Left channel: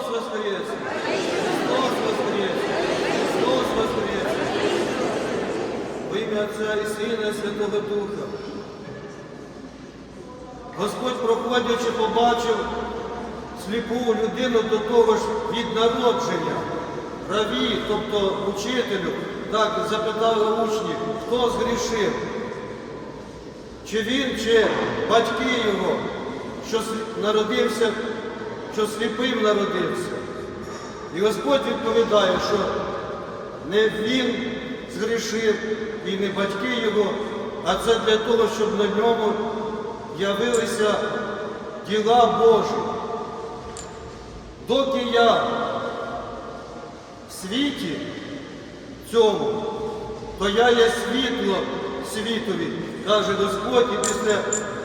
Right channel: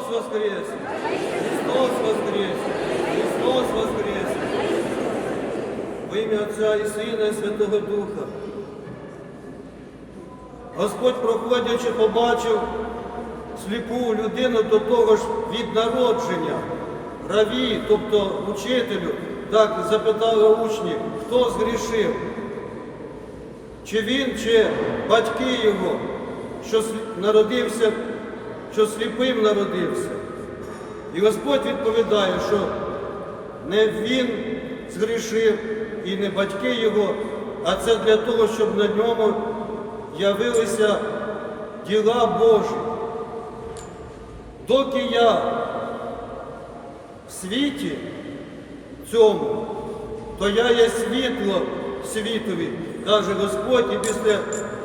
Христос воскрес! Христос воскрес! Христос воскрес! Во ім'я Отця і Сина і Святого Духа. Господь, проходячи, побачив сліпу людину до того ж від народження. Раві, тобто учителю, так запитали учні, хто згрішив? Чи він, чи батьки його, що народився, що сліпим народився? І Господь відповідає, що не він згрішив і не батьки його, а це для того, щоб на ньому явилися діла Божі. Доки я в світі цьому, то я є світло світові, каже Господь, і після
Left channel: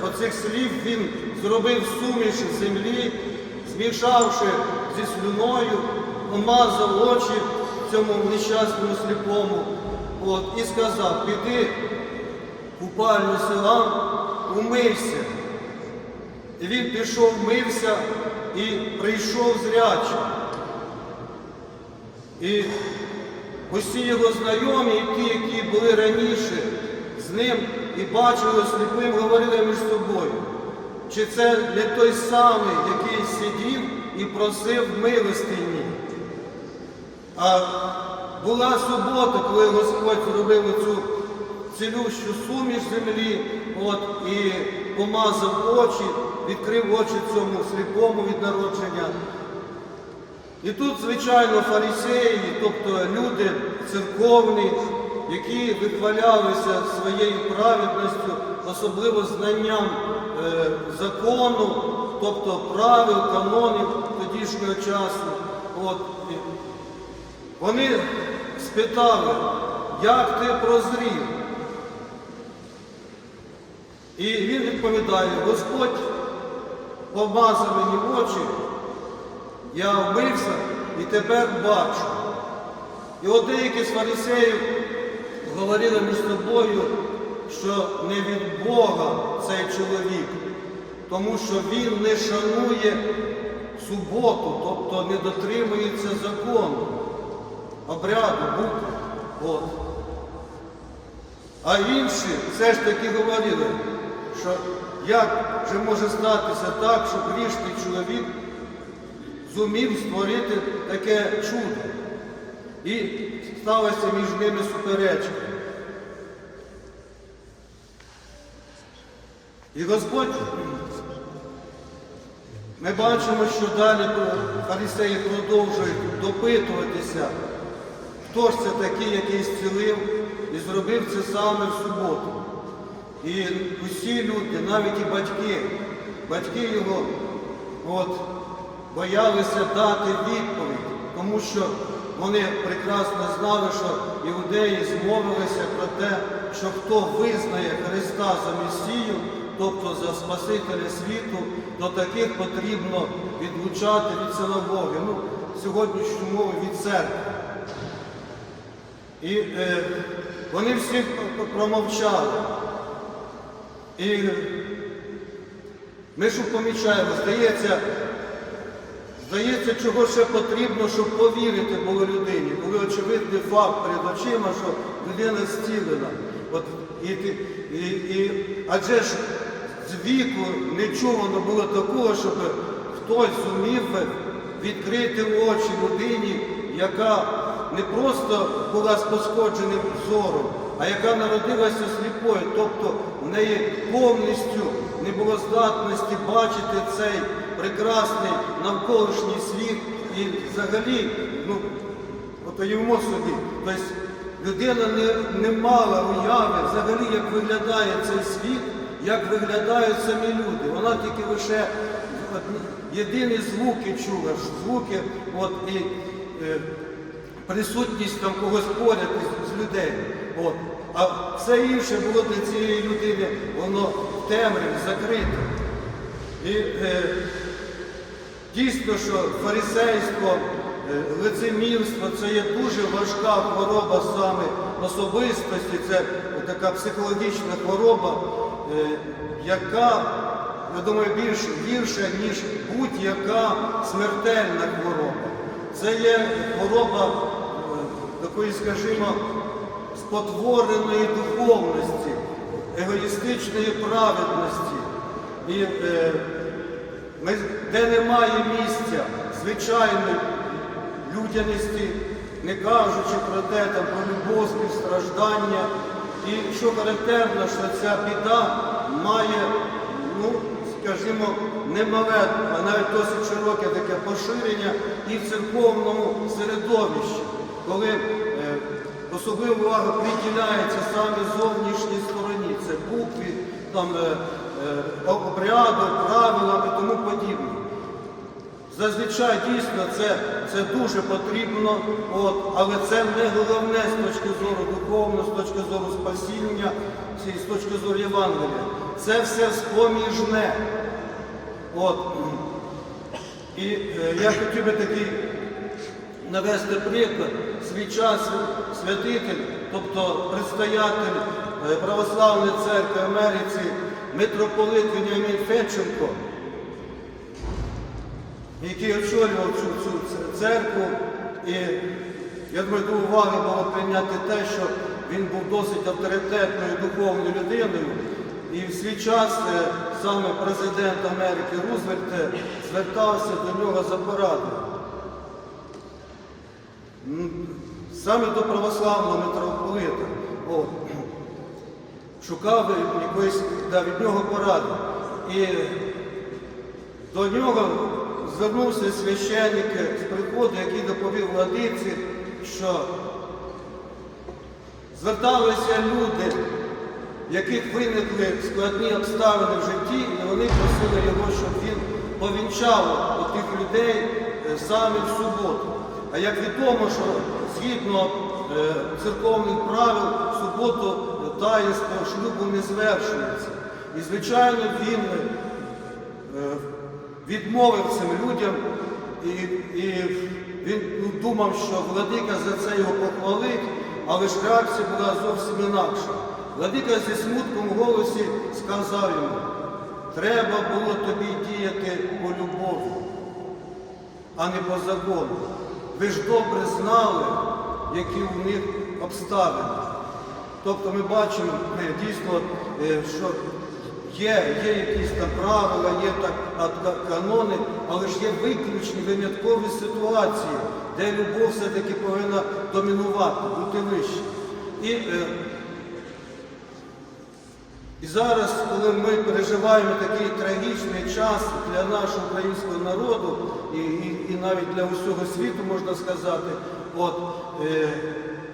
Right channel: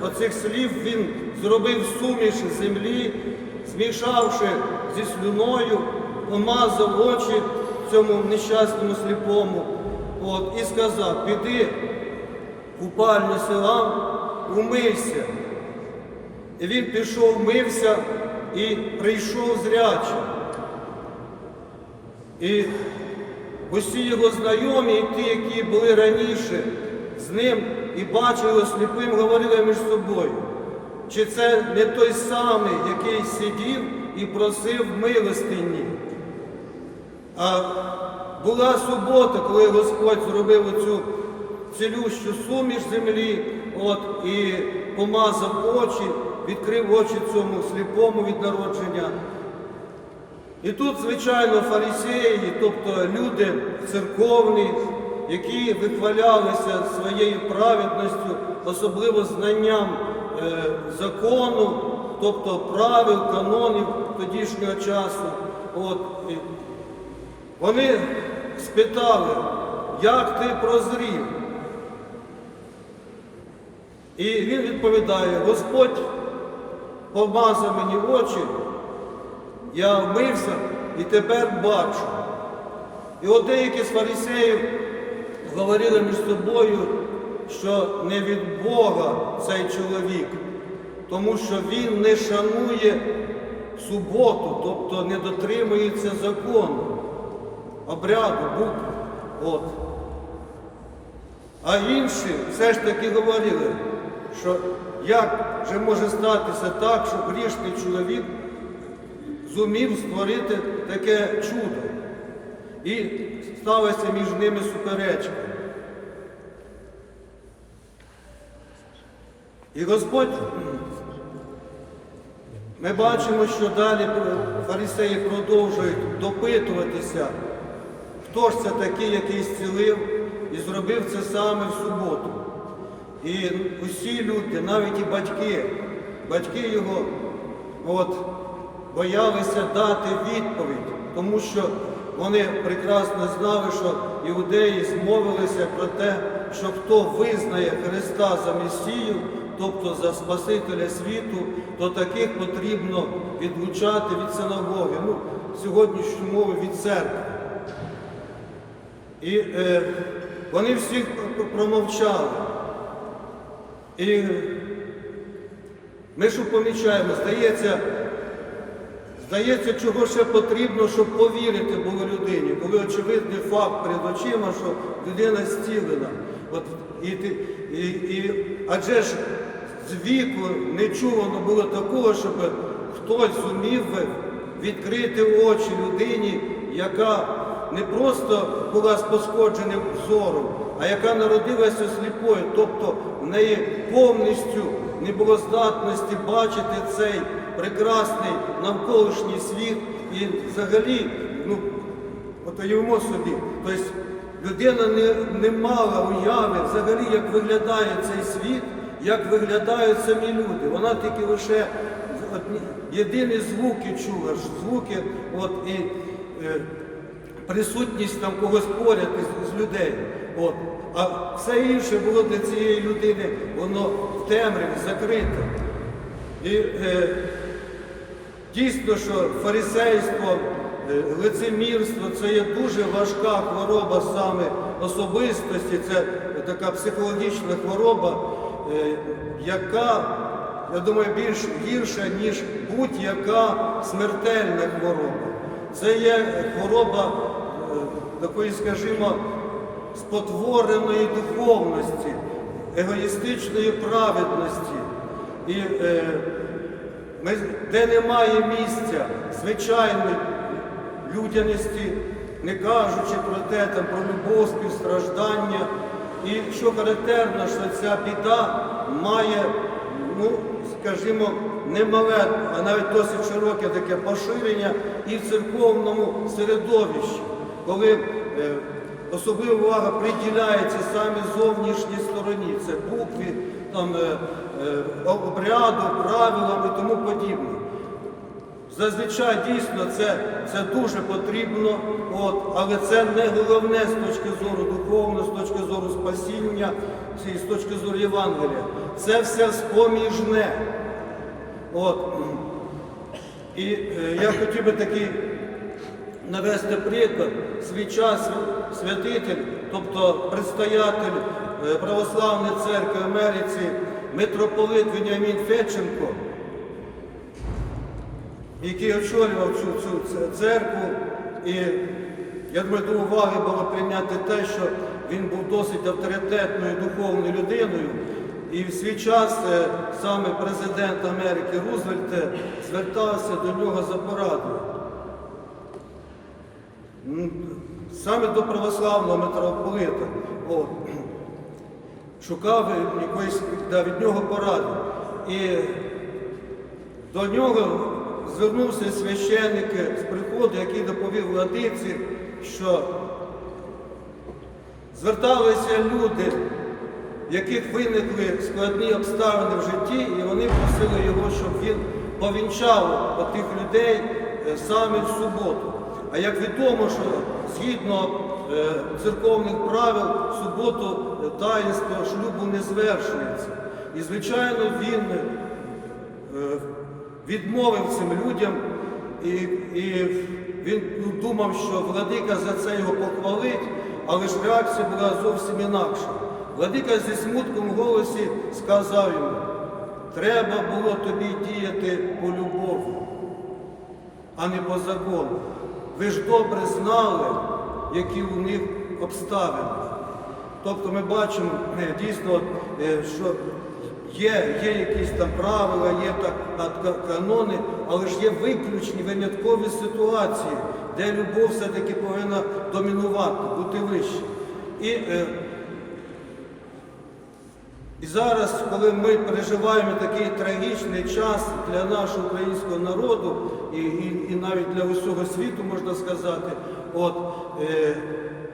оцих слів Він зробив суміш землі, змішавши зі слюною, помазав очі цьому нещасному сліпому, от, і сказав, піди купальню селам, умийся. І він пішов, мився і прийшов зрячий. І усі його знайомі, і ті, які були раніше з ним і бачили сліпим, говорили між собою. Чи це не той самий, який сидів і просив милостині? А була субота, коли Господь зробив оцю цілющу суміш землі, от, і помазав очі, відкрив очі цьому сліпому від народження. І тут, звичайно, фарисеї, тобто люди церковні, які вихвалялися своєю праведністю, особливо знанням закону, тобто правил, канонів тодішнього часу. От, вони спитали, як ти прозрів? І він відповідає, Господь помазав мені очі, я вмився і тепер бачу. І от деякі з фарисеїв говорили між собою, що не від Бога цей чоловік, тому що він не шанує суботу, тобто не дотримується закону, обряду, букви. От. А інші все ж таки говорили, що як же може статися так, що грішний чоловік зумів створити таке чудо. І сталася між ними суперечка. І Господь, ми бачимо, що далі фарисеї продовжують допитуватися, хто ж це такий, який зцілив і зробив це саме в суботу. І усі люди, навіть і батьки, батьки його от, боялися дати відповідь, тому що вони прекрасно знали, що іудеї змовилися про те, що хто визнає Христа за Месію, тобто за Спасителя світу, то таких потрібно відлучати від синагоги, ну, сьогоднішню мову від церкви. І е, вони всі промовчали. І ми що помічаємо, здається, здається, чого ще потрібно, щоб повірити було людині, коли очевидний факт перед очима, що людина зцілена. От, і, і, і, адже ж з віку не чувано було такого, щоб хтось зумів відкрити очі людині, яка не просто була з пошкодженим зором, а яка народилася сліпою, тобто в неї повністю не було здатності бачити цей прекрасний навколишній світ. І взагалі, ну, от уявимо собі, тобто людина не, не мала уяви взагалі, як виглядає цей світ, як виглядають самі люди. Вона тільки лише єдині звуки чула, звуки, от і е, присутність там когось поряд із, з людей. От. А все інше було для цієї людини, воно в темряві закрите. І е, дійсно, що фарисейство, е, лицемірство це є дуже важка хвороба саме особистості, це така психологічна хвороба, яка я думаю, більш гірша, ніж будь-яка смертельна хвороба. Це є хвороба е, такої, скажімо, спотвореної духовності, егоїстичної праведності. І е, ми, де немає місця звичайної людяності, не кажучи про те, там, про любов, співстраждання. І що характерно, що ця біда має, ну, скажімо, немале, а навіть досить широке таке поширення і в церковному середовищі, коли е, особлива увага приділяється саме зовнішній стороні, це букві, там, е, е, обряду, правилам і тому подібне. Зазвичай дійсно це, це дуже потрібно, от, але це не головне з точки зору зору спасіння, з точки зору Євангелія. Це все споміжне. От. І е, я хотів би такий навести приклад. Свій час святитель, тобто предстоятель е, Православної церкви Америці, митрополит Веніамін Федченко, який очолював цю церкву. І я думаю, до уваги було прийняти те, що він був досить авторитетною духовною людиною. І в свій час е, саме президент Америки Рузвельт е, звертався до нього за порадою. Саме до православного митрополита. О, шукав якоїсь да, від нього поради. І до нього звернувся священник з приходу, який доповів владиці, що зверталися люди, в яких виникли складні обставини в житті, і вони просили його, щоб він повінчав отих людей е, саме в суботу. А як відомо, що згідно е, церковних правил, в суботу е, таїнство шлюбу не звершується. І, звичайно, він відмовив цим людям, і, і він думав, що владика за це його похвалить, але ж реакція була зовсім інакша. Владика зі смутком в голосі сказав йому, треба було тобі діяти по любові, а не по закону. Ви ж добре знали, які у них обставини. Тобто ми бачимо е, дійсно, е, що є, є якісь там правила, є так, канони, але ж є виключні виняткові ситуації, де любов все-таки повинна домінувати, бути вище. І, е, і зараз, коли ми переживаємо такий трагічний час для нашого українського народу і, і, і навіть для усього світу, можна сказати, от, е,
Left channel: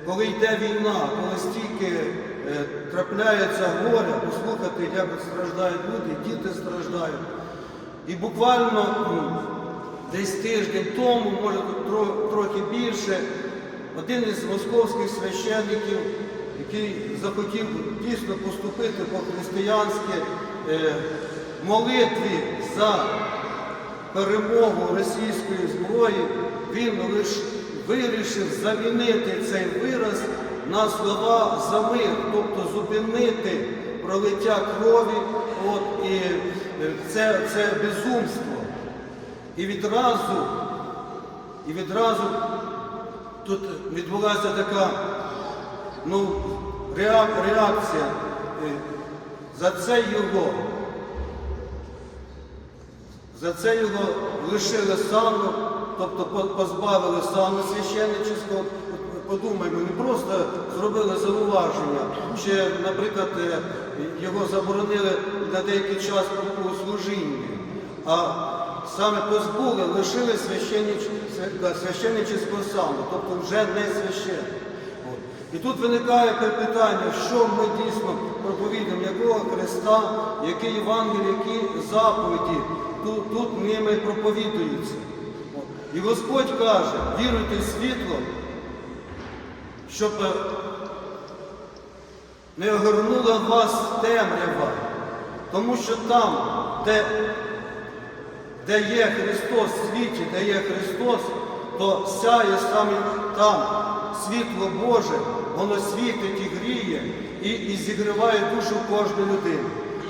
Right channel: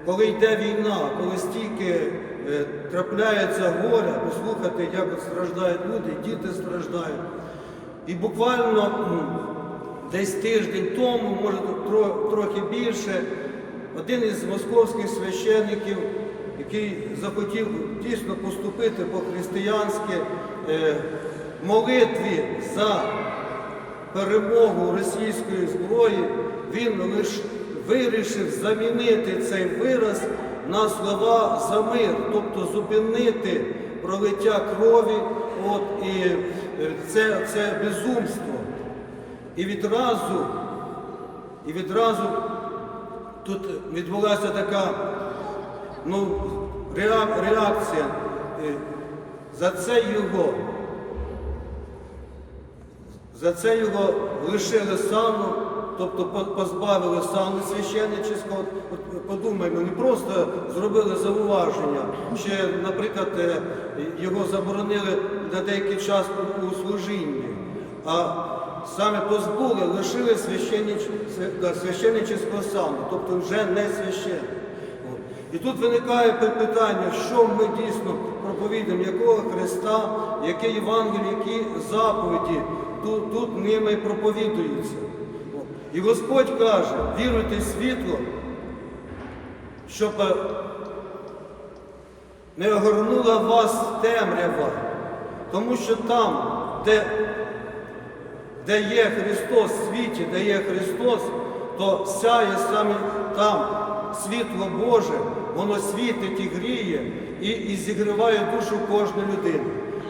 коли йде війна, коли стільки трапляється горя, послухати, як страждають люди, діти страждають. І буквально м, десь тиждень тому, може тро- трохи більше, один із московських священників, який захотів дійсно поступити по-християнськи е, молитві за перемогу російської зброї, він лише вирішив замінити цей вираз на слова за мир, тобто зупинити пролиття крові, от, і е, це, це безумство. І відразу, і відразу тут відбулася така ну, реакція. Е, За це його, за це його лишили сану, тобто позбавили сану священничського. От подумаймо, не просто зробили зауваження, чи, наприклад, е, його заборонили на деякий час у- служінні, а саме позбули, лишили священнич, свя- да, священничського сану, тобто вже не священник. От. І тут виникає питання, що ми дійсно проповідуємо, якого Христа, яке Євангеліє, які заповіді тут, тут ними проповідуються. І Господь каже, віруйте в світло, щоб е, не огорнула вас темрява, тому що там, де де є Христос в світі, де є Христос, то сяє саме там світло Боже, воно світить і гріє і, і зігріває душу кожної людини.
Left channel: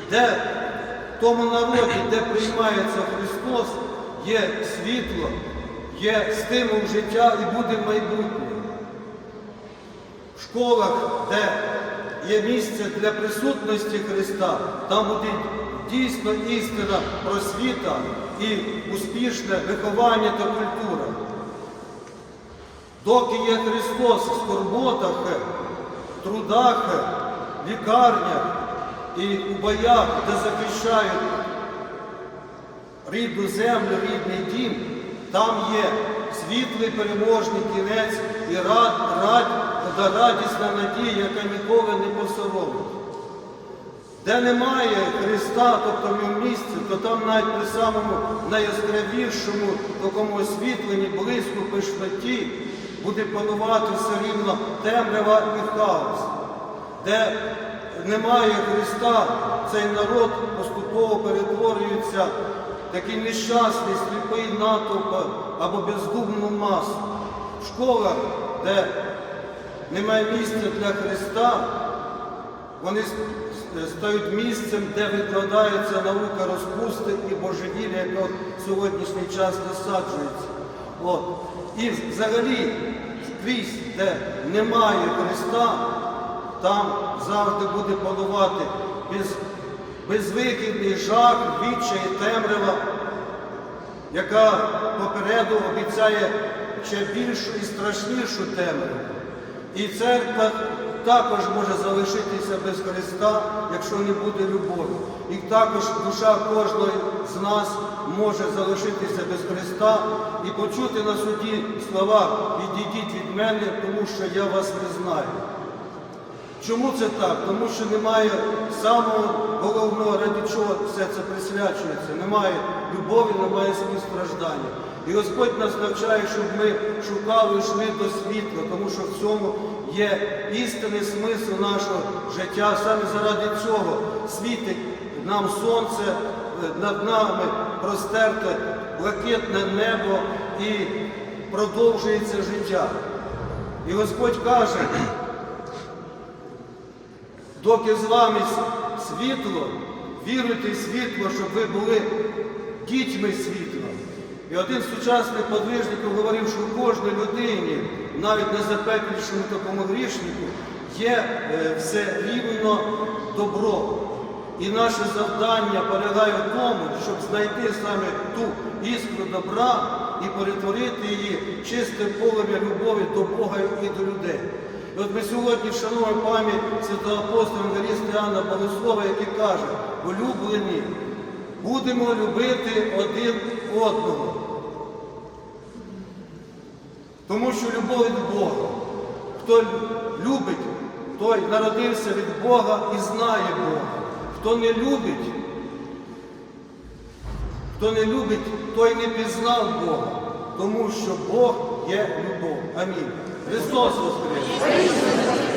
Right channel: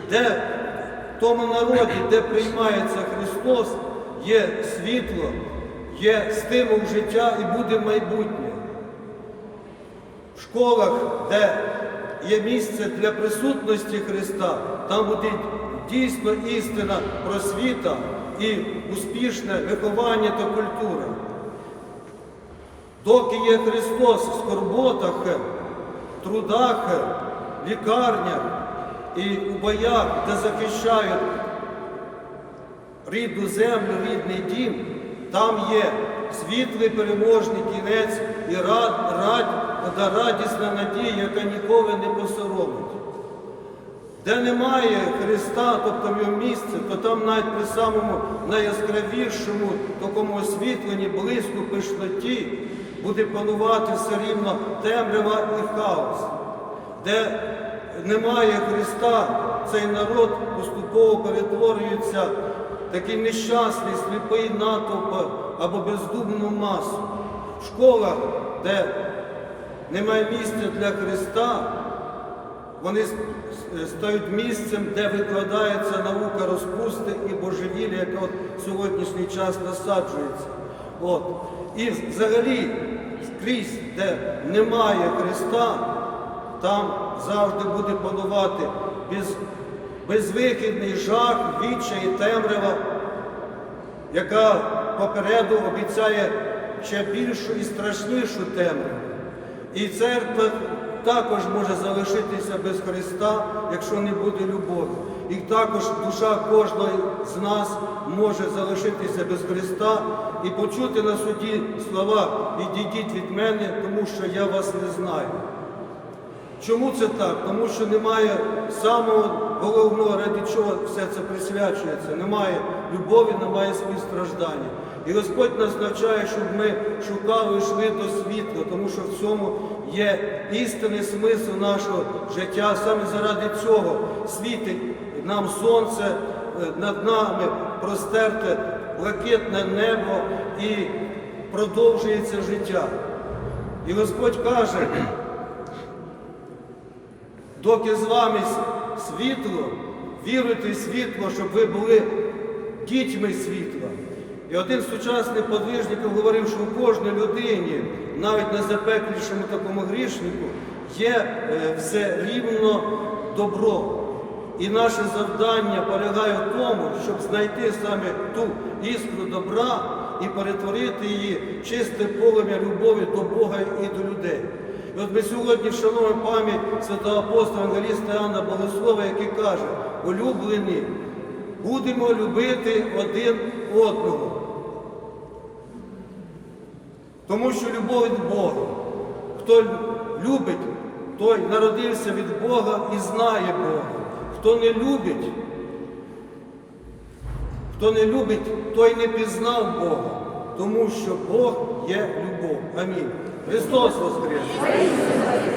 Де в тому народі, де приймається Христос, є світло, є стимул життя і буде майбутнє. Школах, де є місце для присутності Христа, там буде дійсно істина просвіта і успішне виховання та культура. Доки є Христос в скорботах, трудах, лікарнях і у боях, де захищають рідну землю, рідний дім, там є світлий переможний кінець і рад, рад, та радісна надія, яка ніколи не посоромить. Де немає Христа, тобто в ньому місце, то там навіть при самому найяскравішому такому освітленні, близько пишноті буде панувати все рівно темрява і хаос. Де немає Христа, цей народ поступово перетворюється такий нещасний, сліпий натовп або бездумну масу. В школах, де немає місця для Христа, вони стають місцем, де викладається наука розпусти і божевілля, яка от сьогоднішній час насаджується. От. І взагалі скрізь, де немає Христа, там завжди буде панувати без, безвихідний жах, відчай, темрява, яка попереду обіцяє ще більшу і страшнішу темряву. І церква також може залишитися без Христа, якщо не буде любові. І також душа кожного з нас може залишитися без Христа і почути на суді слова «Відійдіть від мене, тому що я вас не знаю». Чому це так? Тому що немає самого головного, ради чого все це присвячується. Немає любові, немає співстраждання. І Господь нас навчає, щоб ми шукали йшли до світла, тому що в цьому є істинний смисл нашого життя. Саме заради цього світить нам сонце, е, над нами простерте блакитне небо і продовжується життя. І Господь каже, доки з вами світло, віруйте в світло, щоб ви були дітьми світла. І один з сучасних подвижників говорив, що в кожній людині, навіть найзапеклішому такому грішнику, є е, все рівно добро. І наше завдання полягає в тому, щоб знайти саме ту іскру добра і перетворити її чисте полум'я любові до Бога і до людей. І от ми сьогодні вшановуємо пам'ять святого апостола Ангаліста Іоанна Богослова, який каже, улюблені, будемо любити один одного. Тому що любов від Бога. Хто любить, той народився від Бога і знає Бога. Хто не любить, хто не любить, той не пізнав Бога, тому що Бог є любов. Амінь. Христос Воскрес!